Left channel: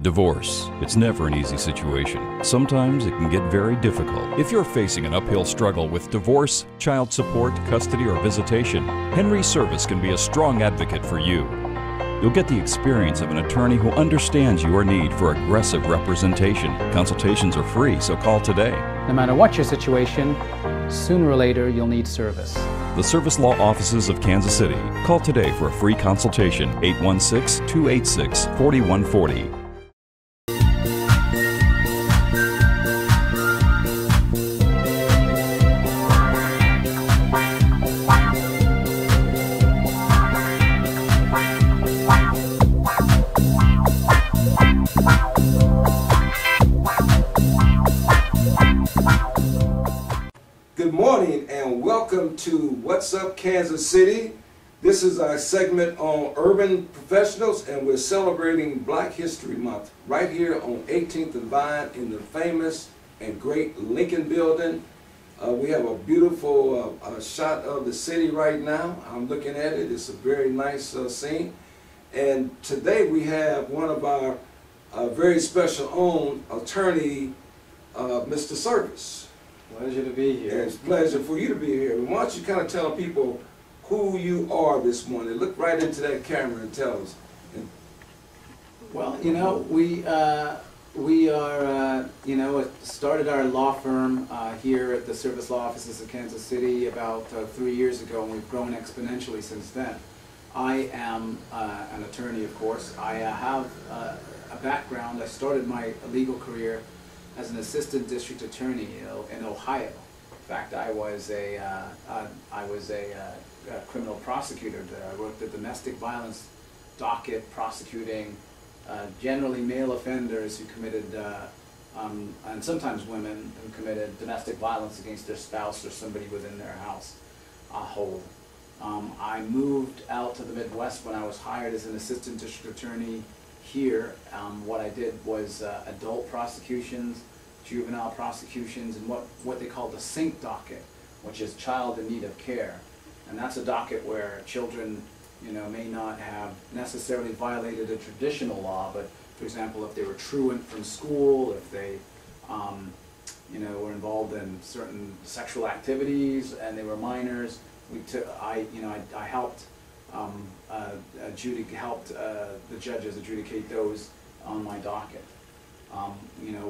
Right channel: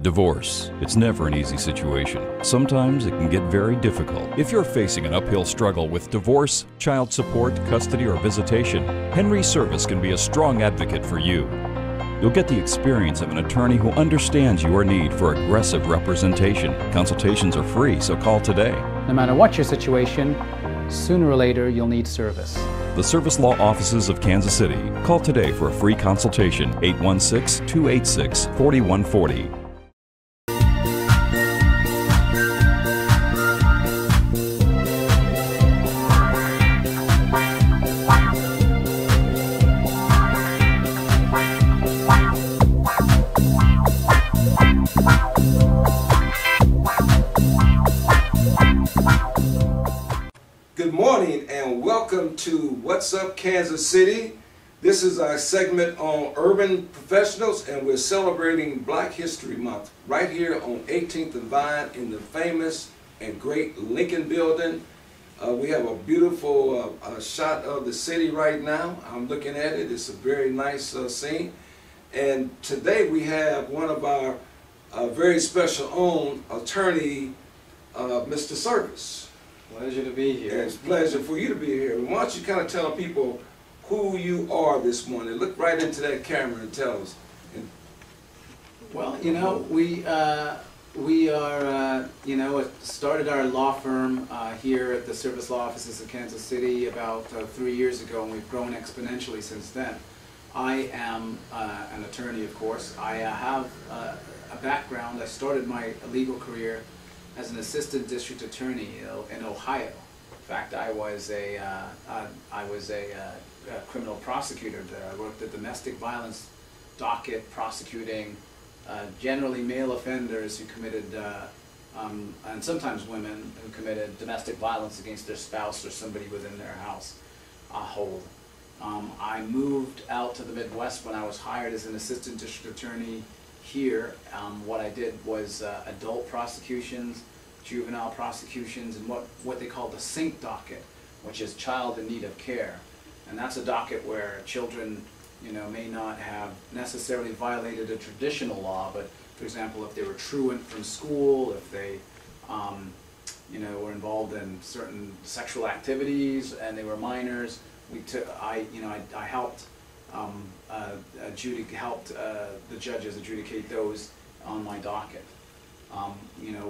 Divorce. It's never an easy situation. Sometimes it can get very difficult. If you're facing an uphill struggle with divorce, child support, custody, or visitation, Henry Service can be a strong advocate for you. You'll get the experience of an attorney who understands your need for aggressive representation. Consultations are free, so call today. No matter what your situation, sooner or later you'll need service. The Service Law Offices of Kansas City. Call today for a free consultation, 816-286-4140. Good morning and welcome to What's Up Kansas City. This is our segment on urban professionals, and we're celebrating Black History Month right here on 18th and Vine in the famous and great Lincoln Building. We have a beautiful shot of the city right now. I'm looking at it. It's a very nice scene. And today we have one of our very special own attorney, Mr. Service. Pleasure to be here. It's a pleasure for you to be here. Why don't you kind of tell people who you are this morning? Look right into that camera and tell us. Well, you know, we are, started our law firm here at the Service Law Offices of Kansas City about 3 years ago, and we've grown exponentially since then. I am an attorney, of course. I have a background. I started my legal career as an assistant district attorney in Ohio. In fact, I was a criminal prosecutor there. I worked at domestic violence docket, prosecuting generally male offenders who committed, and sometimes women who committed domestic violence against their spouse or somebody within their household. I moved out to the Midwest when I was hired as an assistant district attorney here. What I did was adult prosecutions, juvenile prosecutions, and what they call the SINC docket, which is child in need of care. And that's a docket where children, may not have necessarily violated a traditional law, but for example, if they were truant from school, if they, were involved in certain sexual activities and they were minors, I helped the judges adjudicate those on my docket.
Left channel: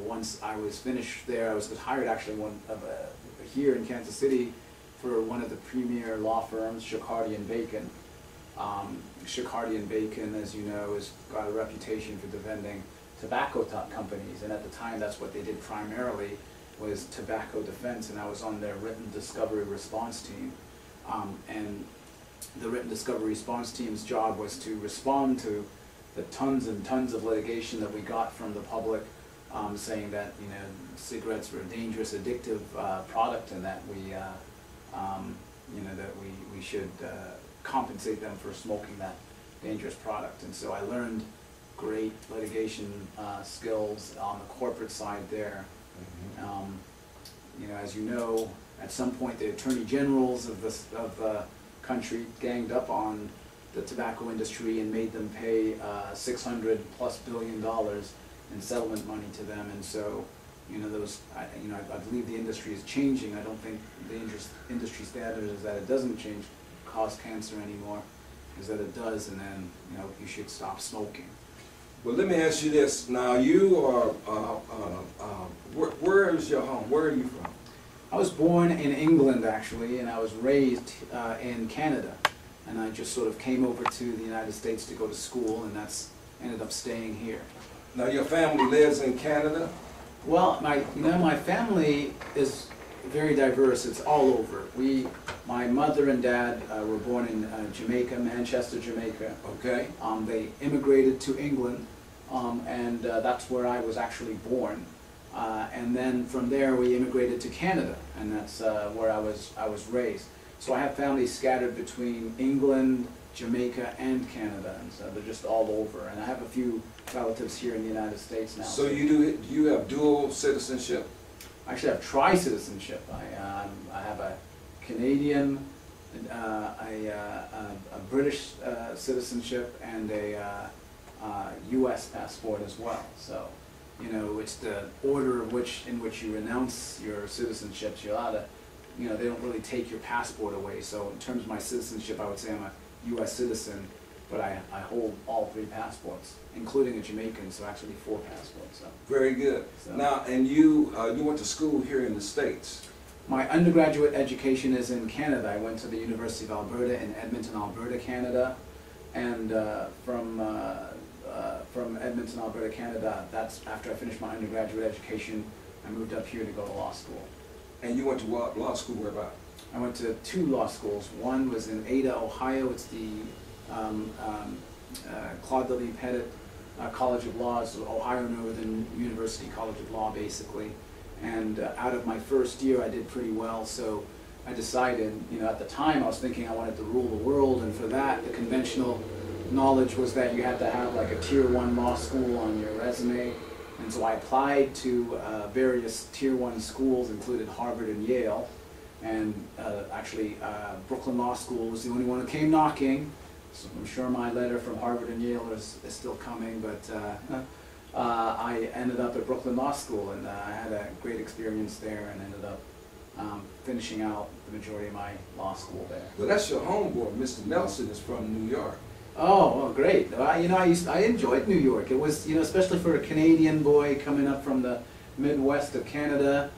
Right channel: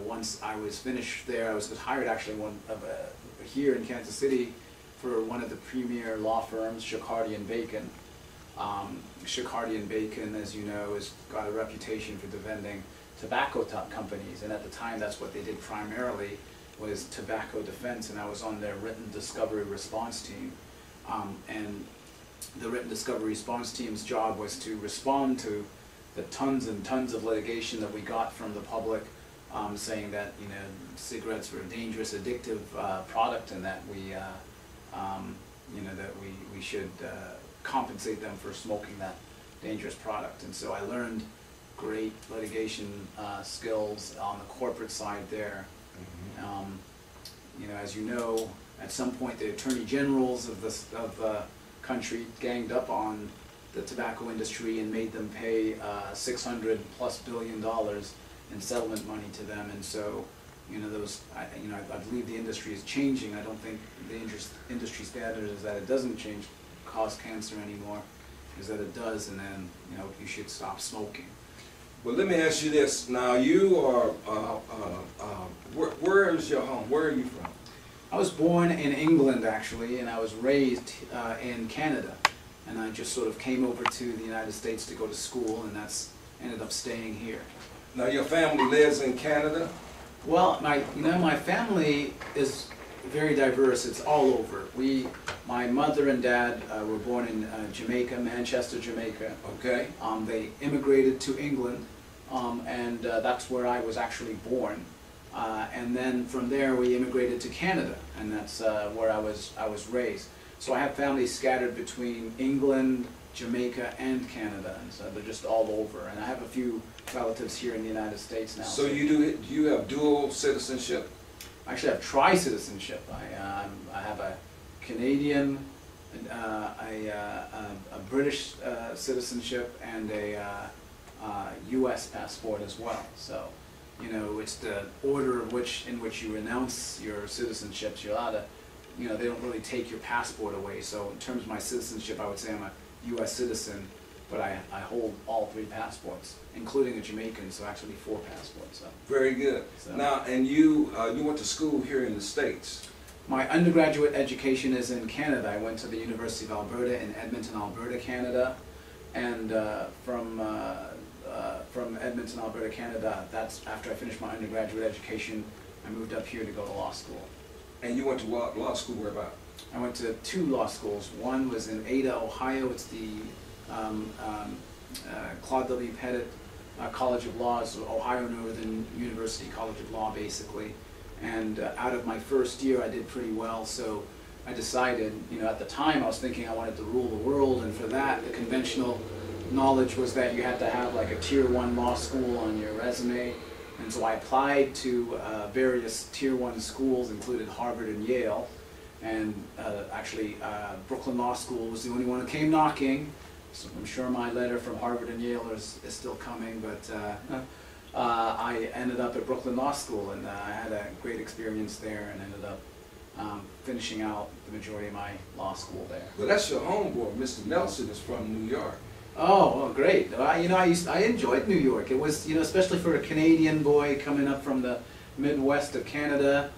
Once I was finished there, I was hired actually here in Kansas City for one of the premier law firms, Shakardi & Bacon. Shakardi & Bacon, as you know, has got a reputation for defending tobacco companies, and at the time that's what they did primarily, was tobacco defense, and I was on their written discovery response team. And the written discovery response team's job was to respond to the tons and tons of litigation that we got from the public, saying that cigarettes were a dangerous, addictive product, and that we should compensate them for smoking that dangerous product. And so I learned great litigation skills on the corporate side there. Mm-hmm. As you know, at some point the attorney generals of the country ganged up on the tobacco industry and made them pay $600+ billion in settlement money to them. And so, I believe the industry is changing. I don't think the industry standard is that it doesn't cause cancer anymore, is that it does, and then you should stop smoking. Well, let me ask you this. Now, you are, where is your home? Where are you from? I was born in England, actually, and I was raised in Canada. And I just sort of came over to the United States to go to school, and ended up staying here. Now, your family lives in Canada? Well, my family is very diverse. It's all over. My mother and dad were born in Jamaica, Manchester, Jamaica. Okay. They immigrated to England, and that's where I was actually born. And then from there we immigrated to Canada, and that's where I was raised. So I have families scattered between England, Jamaica, and Canada, and so they're just all over. And I have a few relatives here in the United States now. So do you have dual citizenship? I actually have tri-citizenship. I have a Canadian, a British citizenship, and a U.S. passport as well. So, you know, it's the order in which you renounce your citizenships. You're allowed to, you know, they don't really take your passport away. So in terms of my citizenship, I would say I'm a U.S. citizen, but I hold all 3 passports, including a Jamaican, so actually 4 passports. So. Very good. So. Now, and you went to school here in the States. My undergraduate education is in Canada. I went to the University of Alberta in Edmonton, Alberta, Canada, and from Edmonton, Alberta, Canada, that's after I finished my undergraduate education, I moved up here to go to law school. And you went to law school where about? I went to 2 law schools. One was in Ada, Ohio. It's the Claude W. Pettit College of Law. It's Ohio Northern University College of Law, basically. And out of my first year, I did pretty well, so I decided, you know, at the time I was thinking I wanted to rule the world, and for that, the conventional knowledge was that you had to have like a Tier 1 law school on your resume. And so I applied to various Tier 1 schools, included Harvard and Yale. And actually, Brooklyn Law School was the only one that came knocking. So I'm sure my letter from Harvard and Yale is still coming, but I ended up at Brooklyn Law School, and I had a great experience there, and ended up finishing out the majority of my law school there. Well, that's your homeboy. Mr. Nelson is from New York. Oh, well, great. You know, I enjoyed New York. It was, you know, especially for a Canadian boy coming up from the Midwest of Canada,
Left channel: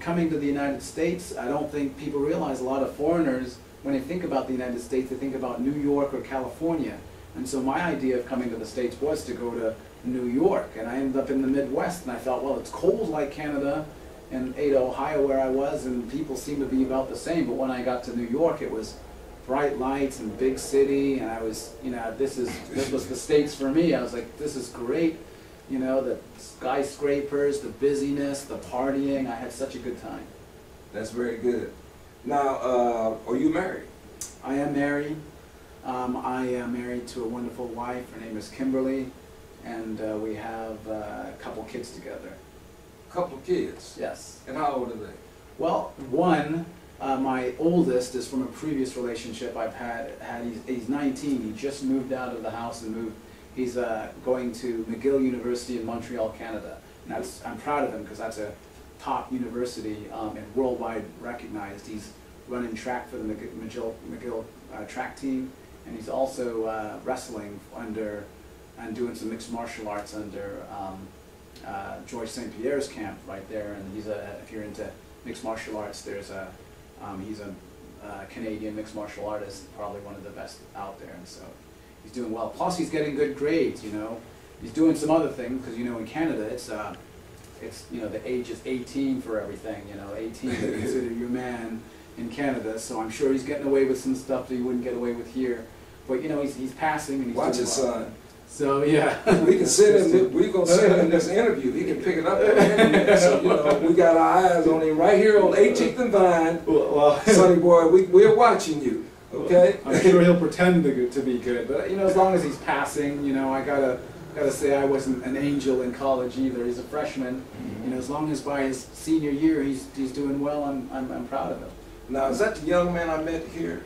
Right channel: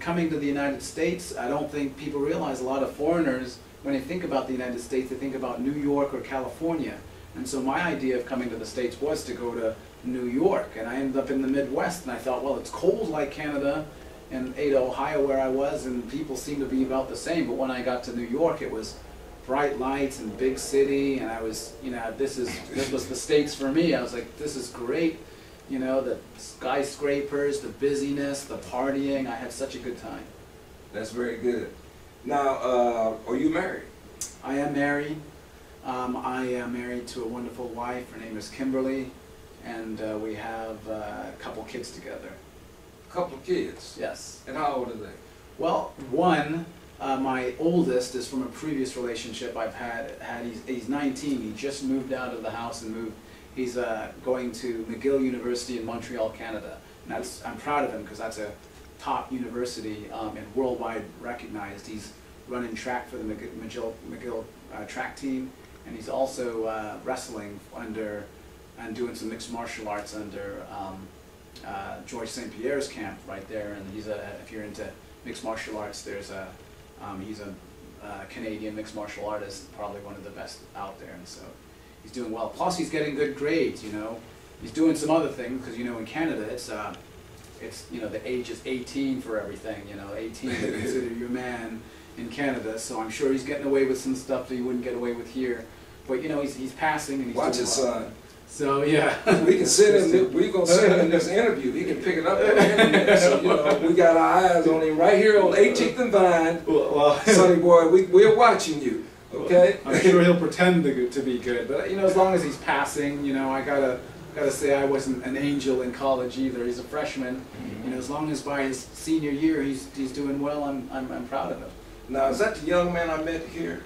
coming to the United States. I don't think people realize a lot of foreigners, when they think about the United States, they think about New York or California. And so my idea of coming to the States was to go to New York, and I ended up in the Midwest, and I thought, well, it's cold like Canada in Ada, Ohio, where I was, and people seem to be about the same. But when I got to New York, it was bright lights and big city, and I was, you know, this was the States for me. I was like, this is great, you know, the skyscrapers, the busyness, the partying. I had such a good time. That's very good. Now, are you married? I am married. I am married to a wonderful wife. Her name is Kimberly, and we have a couple kids together. A couple of kids? Yes. And how old are they? Well, one, my oldest, is from a previous relationship I've had. He's 19. He just moved out of the house and moved. He's going to McGill University in Montreal, Canada. And I'm proud of him because that's a top university and worldwide recognized. He's running track for the McGill track team, and he's also wrestling under and doing some mixed martial arts under George St. Pierre's camp right there. And he's if you're into mixed martial arts, there's he's a Canadian mixed martial artist, probably one of the best out there, and so he's doing well. Plus, he's getting good grades. You know, he's doing some other things because, you know, in Canada it's you know, the age is 18 for everything. You know, 18 to consider you a man in Canada. So I'm sure he's getting away with some stuff that he wouldn't get away with here. But you know, he's passing and he's watch doing his well. son. So yeah, we can send him. We're gonna send him in this interview. He can pick it up on the internet. So, you know, we got our eyes on him right here on 18th and Vine. Well, Sonny boy, we're watching you. Okay. I'm sure he'll pretend to be good, but you know, as long as he's passing, you know, I gotta say I wasn't an angel in college either. He's a freshman. You know, as long as by his senior year he's doing well, I'm proud of him. Now, is that the young man I met here?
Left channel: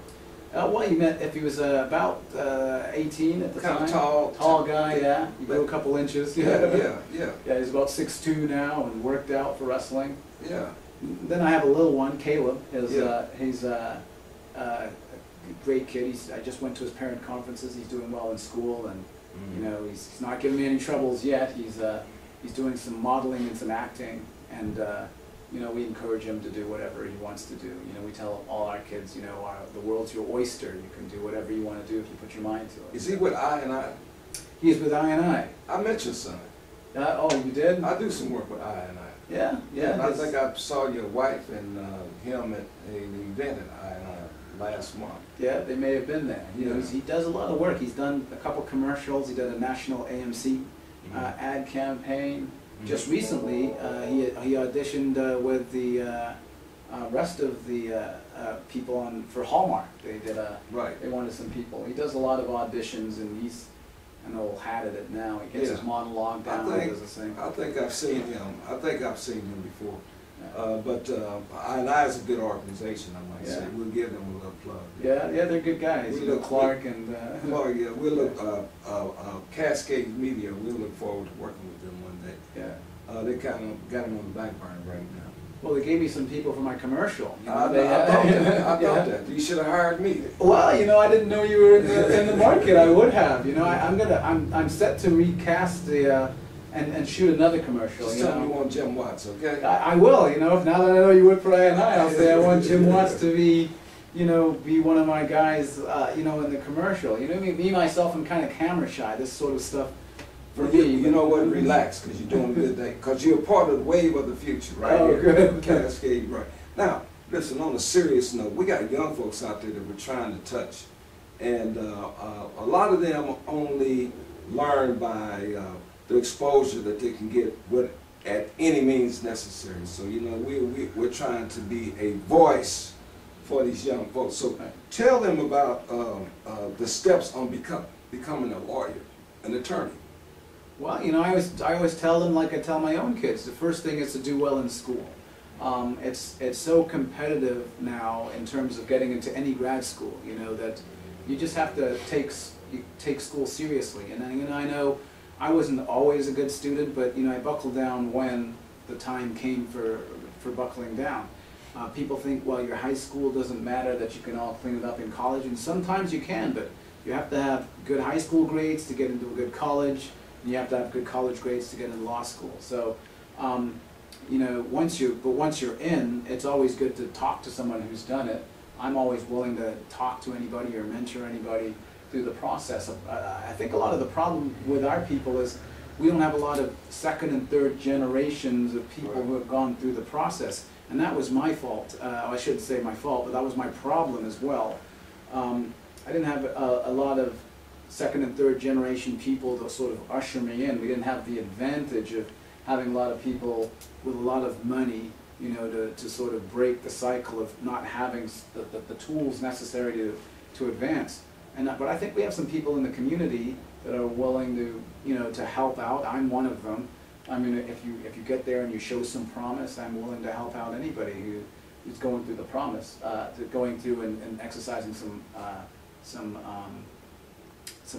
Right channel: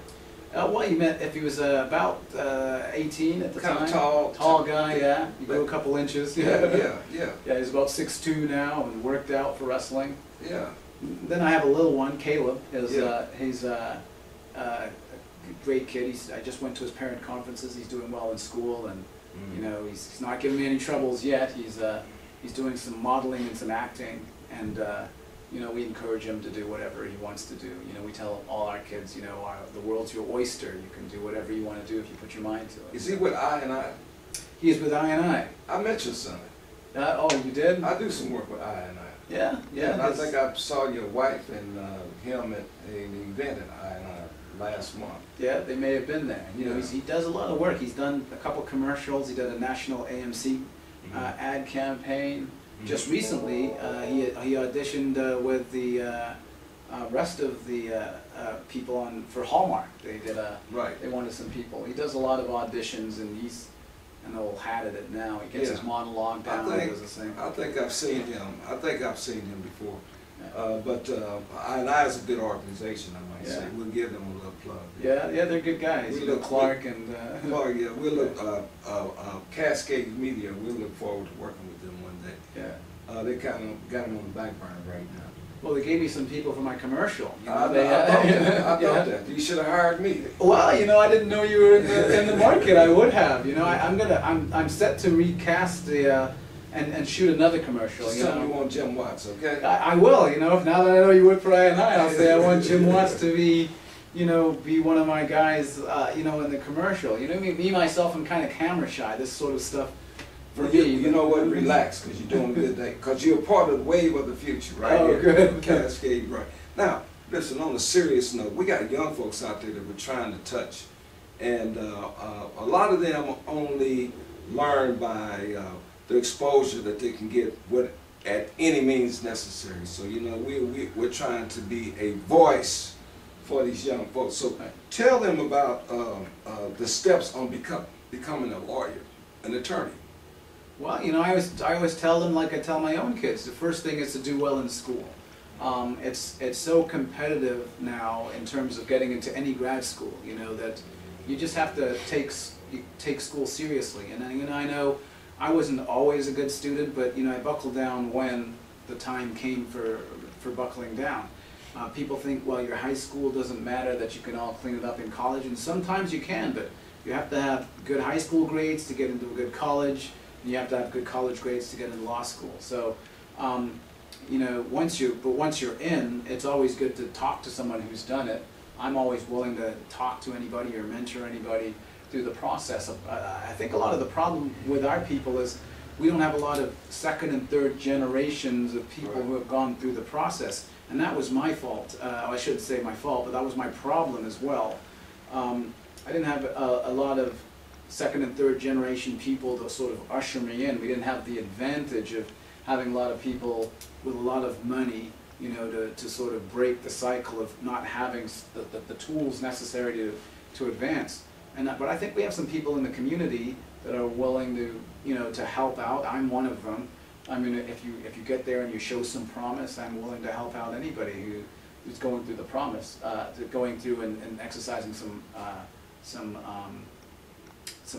Well, you met if he was about 18 at the time. Kind of tall guy, yeah. He grew a couple inches. Yeah. Yeah, he's about 6'2" now and worked out for wrestling. Yeah. Then I have a little one, Caleb. He's a great kid. I just went to his parent conferences. He's doing well in school, and you know, he's not giving me any troubles yet. He's doing some modeling and some acting, and you know, we encourage him to do whatever he wants to do. You know, we tell all our kids, you know, the world's your oyster. You can do whatever you want to do if you put your mind to it. Is he with I&I? He is with I&I. I met your son. Oh, you did? I do some work with I&I. Yeah. And I think I saw your wife and him at an event at I&I last month. Yeah, they may have been there. You know, Yeah. he does a lot of work. He's done a couple commercials. He did a national AMC ad campaign. Just recently, he auditioned with the rest of the people for Hallmark. They did They wanted some people. He does a lot of auditions, and he's an old hat at it now. He gets his monologue down and does the same. I think I've seen him. I think I've seen him before. I is a good organization, I might say. We'll give them a little plug. Yeah, they're good guys. We look Clark and Clark, yeah, we'll look Cascade Media. We'll look forward to working with them one day. Yeah. They kind of got them on the back burner right now. Well, they gave me some people for my commercial. You know, I thought that. You should have hired me. Well, you know, I didn't know you were in the market. I would have. You know, I'm set to recast the and shoot another commercial. Just tell me you want Jim Watts, okay? I will. You know, if now that I know you work for I&I, I'll say I want Jim Watts to be, you know, be one of my guys. You know, in the commercial. You know, me myself, I'm kind of camera shy. This sort of stuff. You know what? Relax, because you're doing a good thing. Because you're a part of the wave of the future, right? Oh, good. Cascade, right. Now, listen, on a serious note, we got young folks out there that we're trying to touch. And a lot of them only learn by the exposure that they can get at any means necessary. So, you know, we're trying to be a voice for these young folks. So tell them about the steps on becoming a lawyer, an attorney. Well, you know, I always tell them, like I tell my own kids, the first thing is to do well in school. It's so competitive now in terms of getting into any grad school, you know, that you just have to take school seriously. And then, you know, I know I wasn't always a good student, but, you know, I buckled down when the time came for buckling down. People think, well, your high school doesn't matter, that you can all clean it up in college, and sometimes you can, but you have to have good high school grades to get into a good college. You have to have good college grades to get into law school. So, you know, once you're in, it's always good to talk to someone who's done it. I'm always willing to talk to anybody or mentor anybody through the process. I think a lot of the problem with our people is we don't have a lot of second and third generations of people who have gone through the process. And that was my fault. I shouldn't say my fault, but that was my problem as well. I didn't have a lot of second and third generation people to sort of usher me in. We didn't have the advantage of having a lot of people with a lot of money, you know, to sort of break the cycle of not having the tools necessary to advance. But I think we have some people in the community that are willing to, you know, to help out. I'm one of them. I mean, if you get there and you show some promise, I'm willing to help out anybody who's going through the promise, going through and exercising some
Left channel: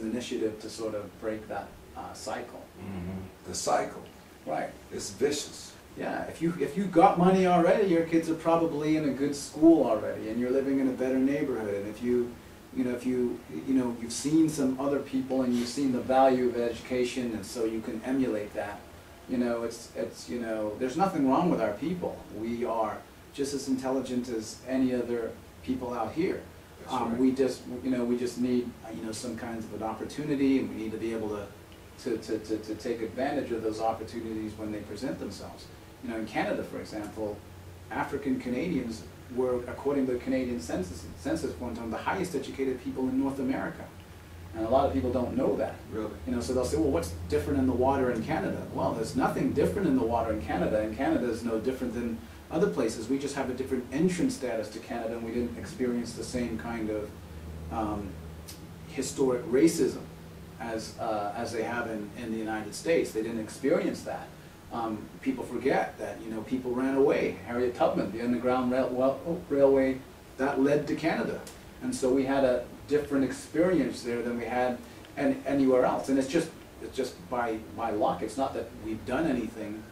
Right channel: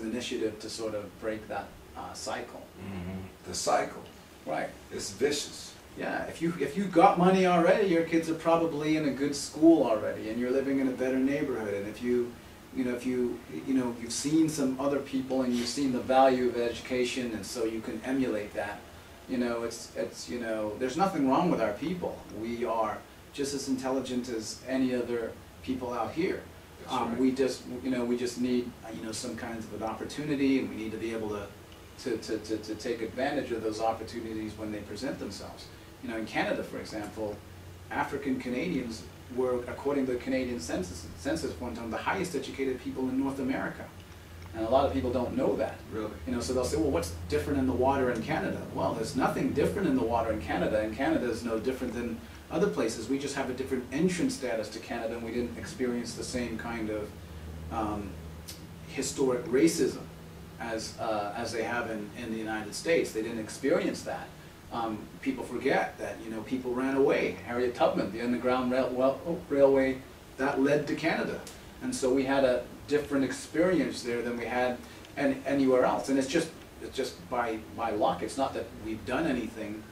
initiative to sort of break that cycle. Mm-hmm. The cycle. Right. It's vicious. Yeah. If you got money already, your kids are probably in a good school already, and you're living in a better neighborhood. And if you've seen some other people and you've seen the value of education, and so you can emulate that. You know, it's you know, there's nothing wrong with our people. We are just as intelligent as any other people out here. Right. We just need, you know, some kinds of an opportunity, and we need to be able to take advantage of those opportunities when they present themselves. You know, in Canada, for example, African Canadians were, according to the Canadian census one time, the highest educated people in North America. And a lot of people don't know that. Really? You know, so they'll say, well, what's different in the water in Canada? Well, there's nothing different in the water in Canada, and Canada is no different than other places. We just have a different entrance status to Canada, and we didn't experience the same kind of historic racism as they have in the United States. They didn't experience that. People forget that, you know, people ran away. Harriet Tubman, the Underground Railway, that led to Canada. And so we had a different experience there than we had anywhere else. And it's just by luck. It's not that we've done anything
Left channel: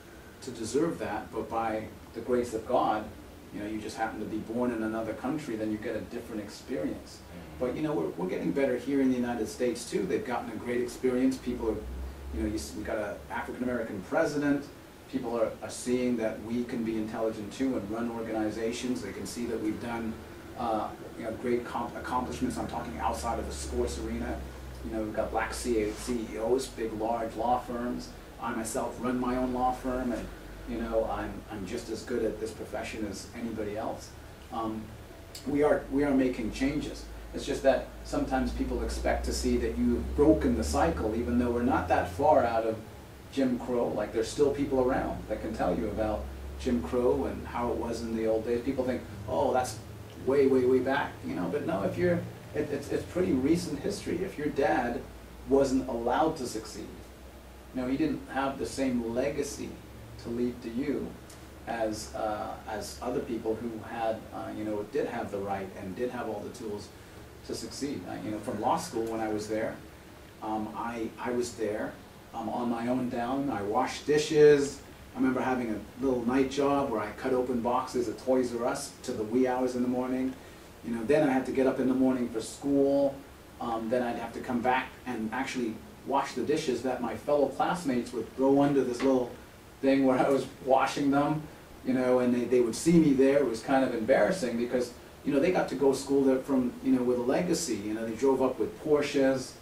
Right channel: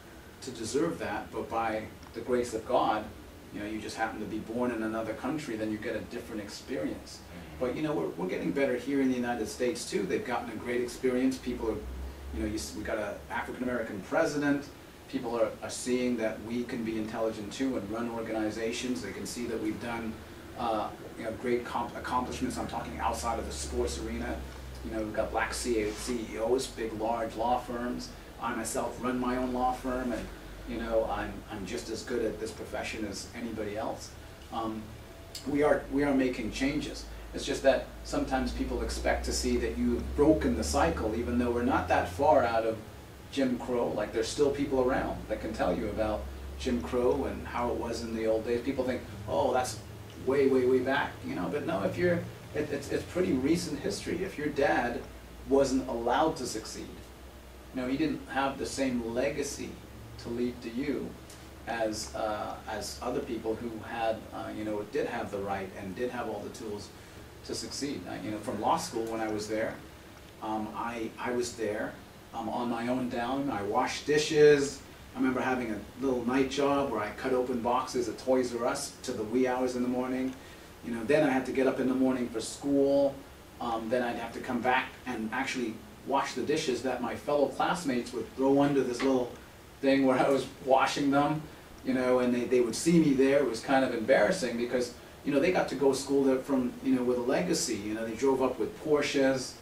to deserve that, but by the grace of God, you know, you just happen to be born in another country, then you get a different experience. But, you know, we're getting better here in the United States too. They've gotten a great experience. People are, you know, we got an African-American president. People are seeing that we can be intelligent too and run organizations. They can see that we've done you know, great accomplishments. I'm talking outside of the sports arena. You know, we've got black CEOs, big, large law firms. I myself run my own law firm, and you know, I'm just as good at this profession as anybody else. We are making changes. It's just that sometimes people expect to see that you've broken the cycle, even though we're not that far out of Jim Crow. Like, there's still people around that can tell you about Jim Crow and how it was in the old days. People think, oh, that's way, way, way back, you know. But no, if you're, it's pretty recent history. If your dad wasn't allowed to succeed, you know, he didn't have the same legacy to leave to you, as other people who had, you know, did have the right and did have all the tools to succeed. You know, from law school when I was there, I was there on my own dime. I washed dishes. I remember having a little night job where I cut open boxes at Toys R Us to the wee hours in the morning. You know, then I had to get up in the morning for school. Then I'd have to come back and actually wash the dishes that my fellow classmates would throw under this little thing where I was washing them. You know, and they would see me there. It was kind of embarrassing because, you know, they got to go to school there from, you know, with a legacy. You know, they drove up with Porsches.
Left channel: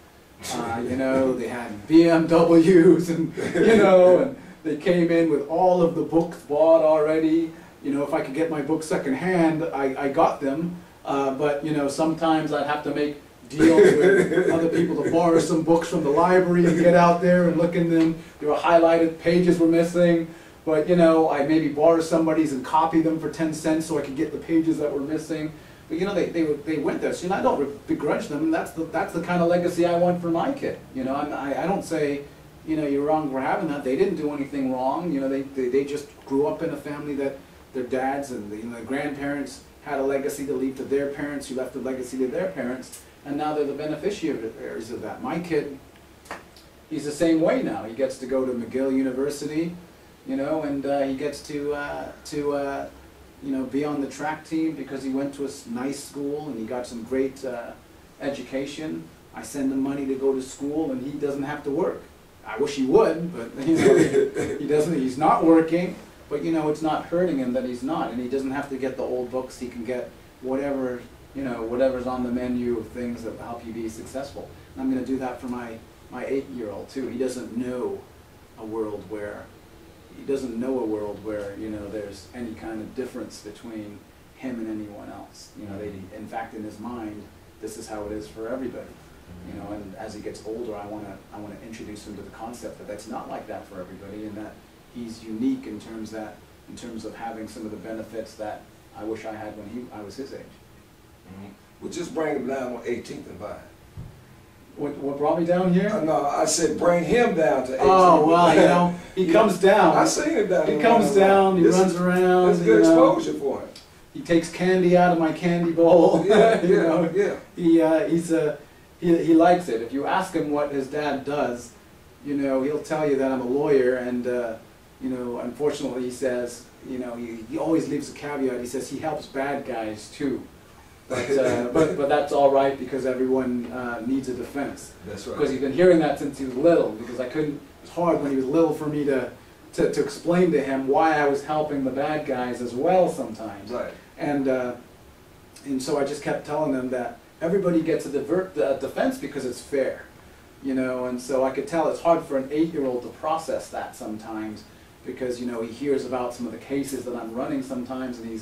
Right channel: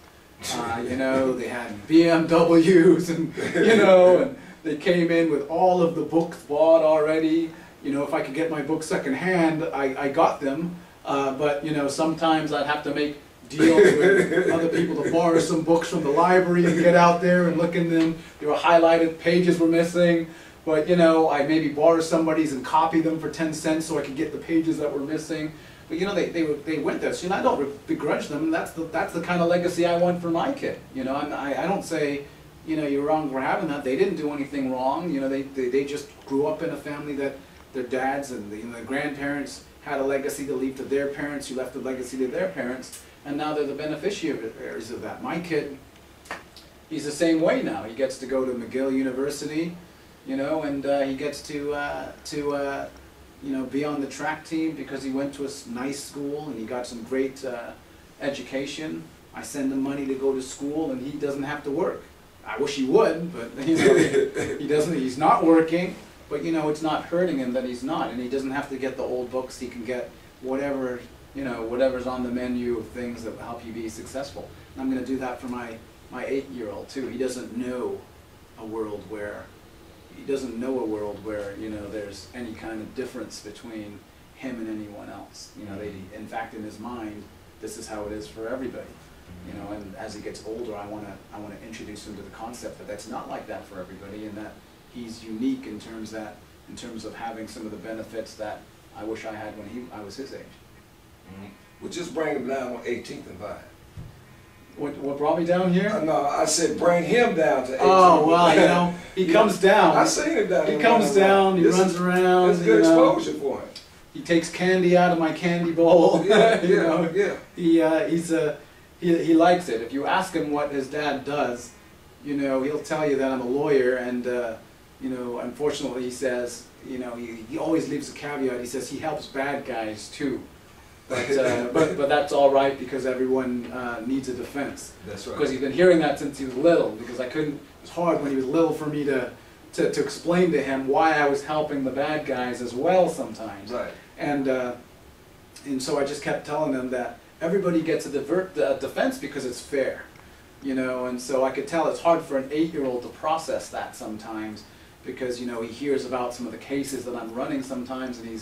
You know, they had BMWs, and you know, and they came in with all of the books bought already. You know, if I could get my books secondhand, I got them. But you know, sometimes I'd have to make deals with other people to borrow some books from the library and get out there and look in them. They were highlighted, pages were missing. But you know, I maybe borrow somebody's and copy them for 10 cents so I could get the pages that were missing. But you know, they went there. So you know, I don't begrudge them. That's the kind of legacy I want for my kid. You know, I don't say, you know, you're wrong for having that. They didn't do anything wrong. You know, they just grew up in a family that their dads and you know, their grandparents had a legacy to leave to their parents, who left a legacy to their parents, and now they're the beneficiaries of that. My kid, he's the same way now. He gets to go to McGill University, you know, and he gets to you know, be on the track team because he went to a nice school and he got some great education. I send him money to go to school and he doesn't have to work. I wish he would, but you know, he doesn't. He's not working, but you know, it's not hurting him that he's not, and he doesn't have to get the old books. He can get whatever, you know, whatever's on the menu of things that help you be successful. And I'm going to do that for my 8-year-old too. He doesn't know a world where you know, there's any kind of difference between him and anyone else. You know, in fact, in his mind, this is how it is for everybody. You know, and as he gets older, I want to introduce him to the concept that that's not like that for everybody, and that he's unique in terms of having some of the benefits that I wish I had when I was his age. Mm-hmm. Well, just bring him down on 18th and Vine. What brought me down here? No, I said bring him down to 18th. Oh, well, you know, he comes down. I seen him down there. He comes down, he runs around. That's good exposure for him. He takes candy out of my candy bowl. Yeah, you know? yeah. He likes it. If you ask him what his dad does, you know, he'll tell you that I'm a lawyer, and you know, unfortunately, he says, you know, he always leaves a caveat. He says he helps bad guys too. But that's all right because everyone needs a defense. That's right. Because he's been hearing that since he was little. Because I couldn't. It was hard when he was little for me to explain to him why I was helping the bad guys as well sometimes. Right. And so I just kept telling him that everybody gets a defense because it's fair, you know. And so I could tell it's hard for an 8-year-old to process that sometimes because you know he hears about some of the cases that I'm running sometimes, and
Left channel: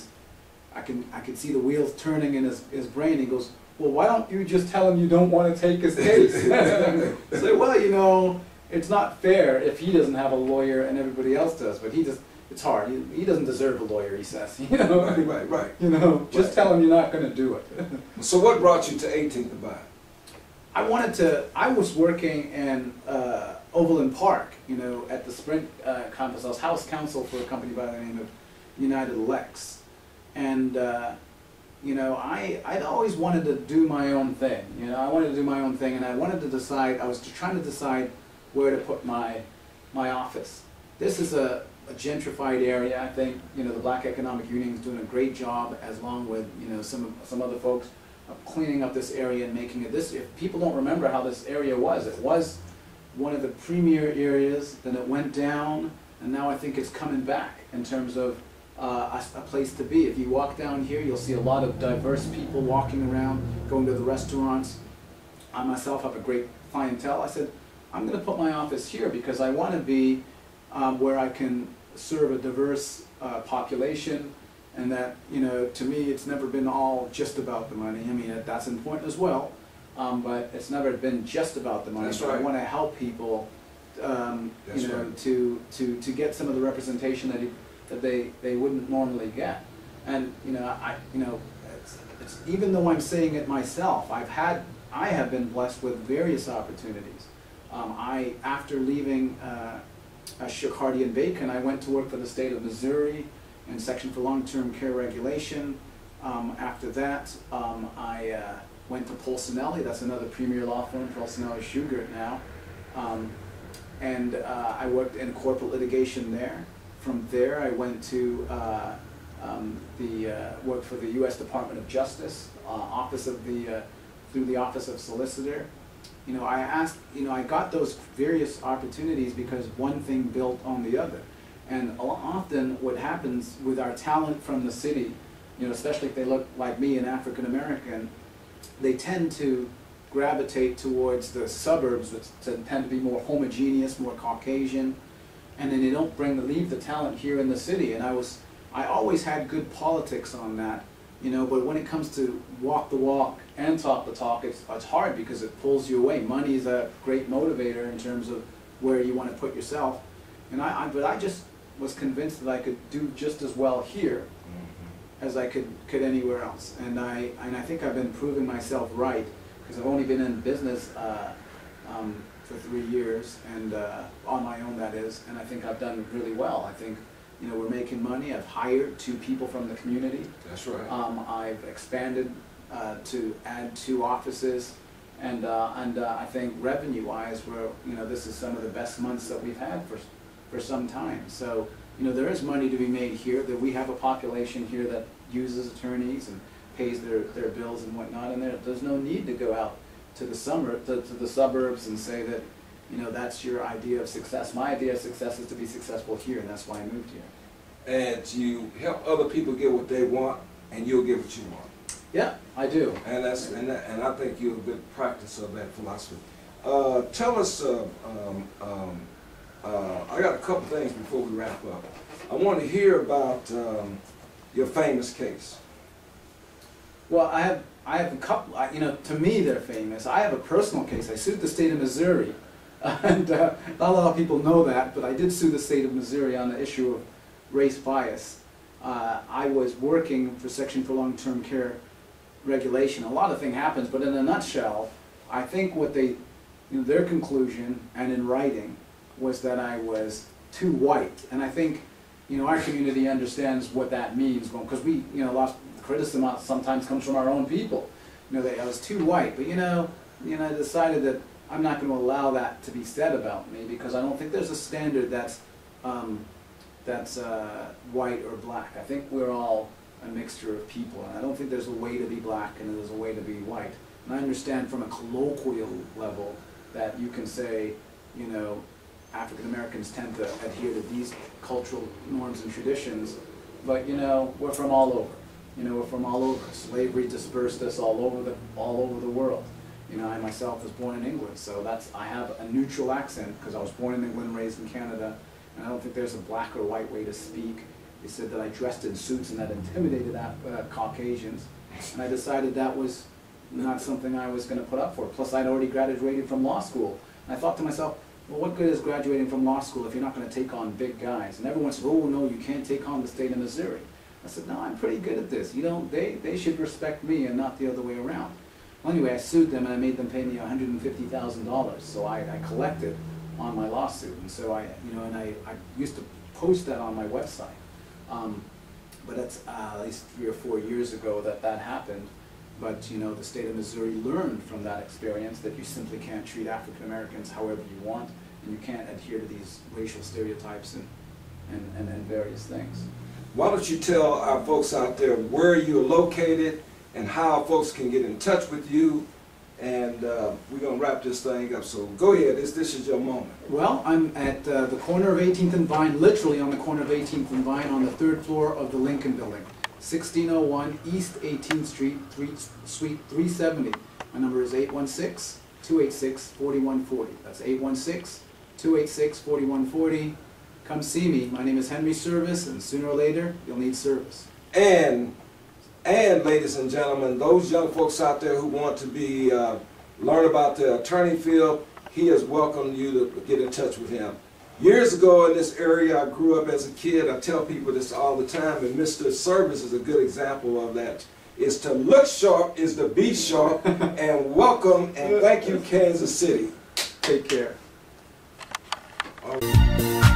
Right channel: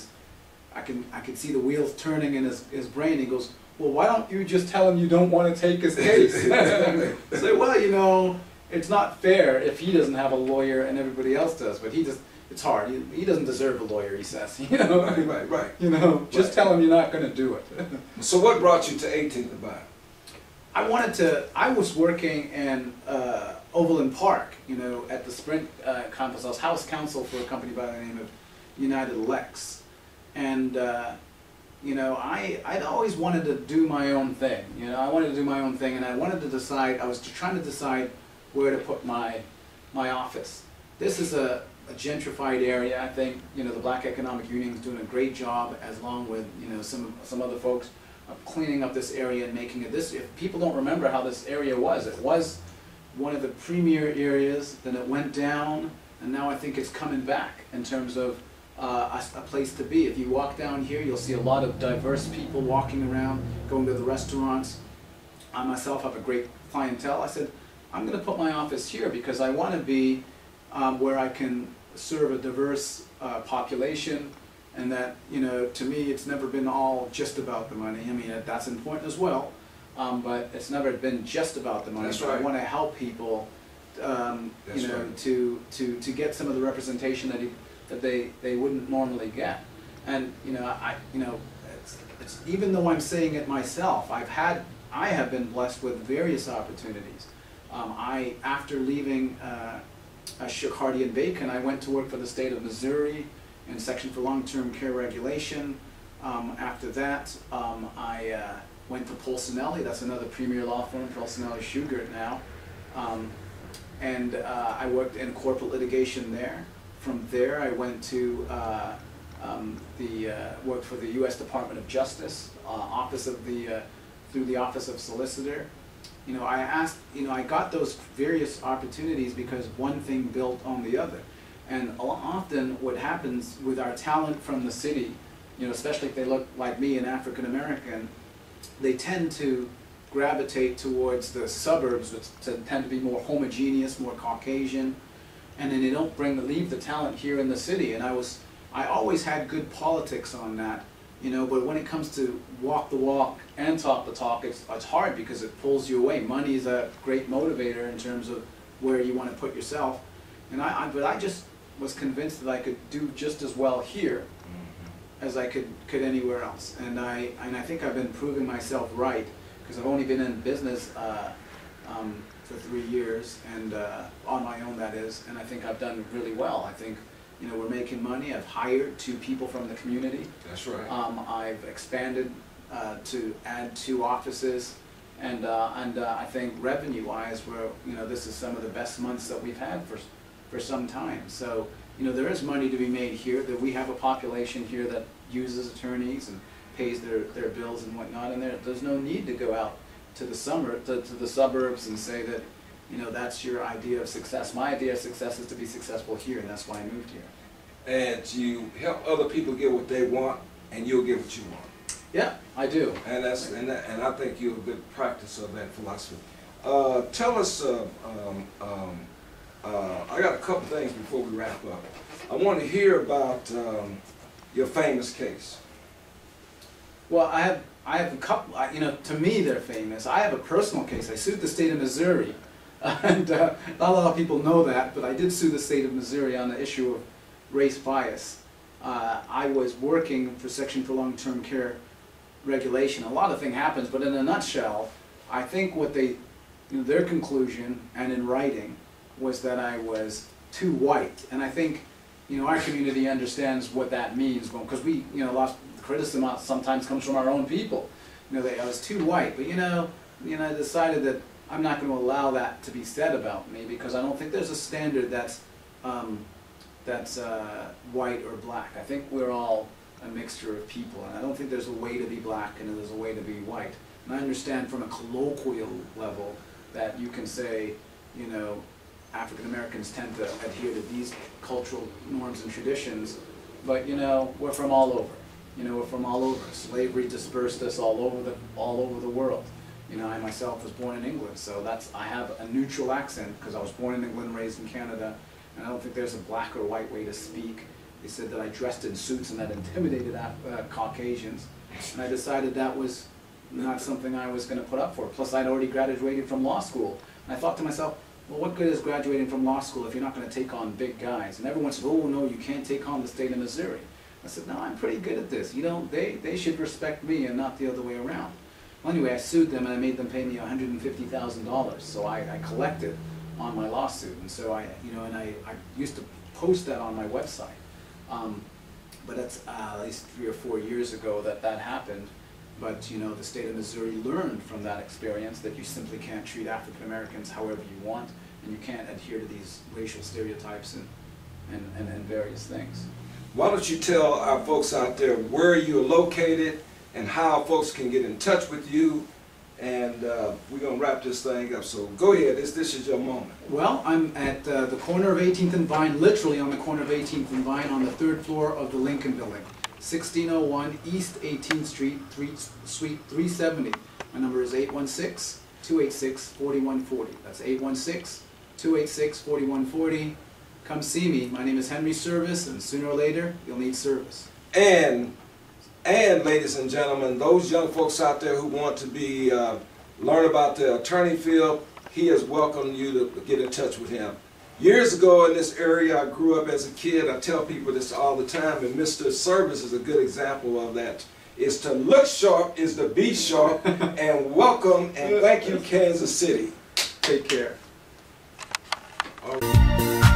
I could see the wheels turning in his brain. He goes, well, why don't you just tell him you don't want to take his case? Say, well, you know, it's not fair if he doesn't have a lawyer and everybody else does. But it's hard. He doesn't deserve a lawyer, he says. You know? Right. You know, just tell him you're not going to do it. So what brought you to 18th and Vine? I was working in Overland Park, you know, at the Sprint campus. I was house counsel for a company by the name of United Lex. And, you know, I'd always wanted to do my own thing. You know, I wanted to do my own thing, and I wanted to decide, I was trying to decide where to put my office. This is a gentrified area. I think, you know, the Black Economic Union is doing a great job, along with, you know, some other folks, of cleaning up this area and making it this. If people don't remember how this area was, it was one of the premier areas, then it went down, and now I think it's coming back in terms of a place to be. If you walk down here, you'll see a lot of diverse people walking around, going to the restaurants. I myself have a great clientele. I said, I'm going to put my office here because I want to be where I can serve a diverse population, and that, you know, to me, it's never been all just about the money. I mean, that's important as well, but it's never been just about the money. That's right. right. I want to help people, you know, right. to get some of the representation that they wouldn't normally get. And you know, it's even though I'm saying it myself, I have been blessed with various opportunities. After leaving Shook Hardy and Bacon, I went to work for the state of Missouri in section for long-term care regulation. After that, I went to Polsinelli. That's another premier law firm, Polsinelli Shugart now. And I worked in corporate litigation there. From there, I went to worked for the U.S. Department of Justice, through the Office of Solicitor. You know, I got those various opportunities because one thing built on the other. And often what happens with our talent from the city, you know, especially if they look like me, an African American, they tend to gravitate towards the suburbs, which tend to be more homogeneous, more Caucasian, and then they don't leave the talent here in the city. And I always had good politics on that, you know, but when it comes to walk the walk and talk the talk, it's hard because it pulls you away. Money is a great motivator in terms of where you want to put yourself. And but I just was convinced that I could do just as well here as I could anywhere else. And I think I've been proving myself right, because I've only been in business for 3 years, and on my own, that is, and I think I've done really well. I think, you know, we're making money. I've hired 2 people from the community. That's right. I've expanded to add 2 offices, and I think revenue-wise, this is some of the best months that we've had for some time. So, you know, there is money to be made here. That we have a population here that uses attorneys and pays their bills and whatnot, and there's no need to go out to the suburbs and say that, you know, that's your idea of success. My idea of success is to be successful here, and that's why I moved here. And you help other people get what they want, and you'll get what you want. Yeah, I do. And and I think you're a good practice of that philosophy. Tell us. I got a couple things before we wrap up. I want to hear about your famous case. Well, I have a couple. You know, to me, they're famous. I have a personal case. I sued the state of Missouri, and not a lot of people know that, but I did sue the state of Missouri on the issue of race bias. I was working for Section for Long-Term Care regulation. A lot of things happens, but in a nutshell, I think what their conclusion, and in writing, was that I was too white. And I think, you know, our community understands what that means, because we, you know, a lot of criticism sometimes comes from our own people. You know, I was too white, but I decided that I'm not going to allow that to be said about me, because I don't think there's a standard that's white or black. I think we're all a mixture of people, and I don't think there's a way to be black and there's a way to be white. And I understand from a colloquial level that you can say, you know, African Americans tend to adhere to these cultural norms and traditions, but, you know, we're from all over. You know, we're from all over. Slavery dispersed us all over the world. You know, I myself was born in England, so I have a neutral accent because I was born in England, raised in Canada, and I don't think there's a black or white way to speak. They said that I dressed in suits and that intimidated Caucasians, and I decided that was not something I was going to put up for. Plus, I'd already graduated from law school, and I thought to myself, well, what good is graduating from law school if you're not going to take on big guys? And everyone said, oh, no, you can't take on the state of Missouri. I said, no, I'm pretty good at this. You know, they should respect me and not the other way around. Well, anyway, I sued them and I made them pay me $150,000. So I collected on my lawsuit. And so I used to post that on my website. But that's at least 3 or 4 years ago that happened. But, you know, the state of Missouri learned from that experience that you simply can't treat African Americans however you want, and you can't adhere to these racial stereotypes and various things. Why don't you tell our folks out there where you're located and how folks can get in touch with you, and we're going to wrap this thing up. So go ahead, this is your moment. Well, I'm at the corner of 18th and Vine, literally on the corner of 18th and Vine, on the 3rd floor of the Lincoln Building. 1601 East 18th Street, Suite 370. My number is 816-286-4140. That's 816-286-4140. Come see me. My name is Henry Service, and sooner or later, you'll need service. And ladies and gentlemen, those young folks out there who want to learn about the attorney field, he has welcomed you to get in touch with him. Years ago in this area, I grew up as a kid. I tell people this all the time, and Mr. Service is a good example of that. Is to look sharp, is to be sharp, and welcome and thank you, Kansas City. Take care. All right.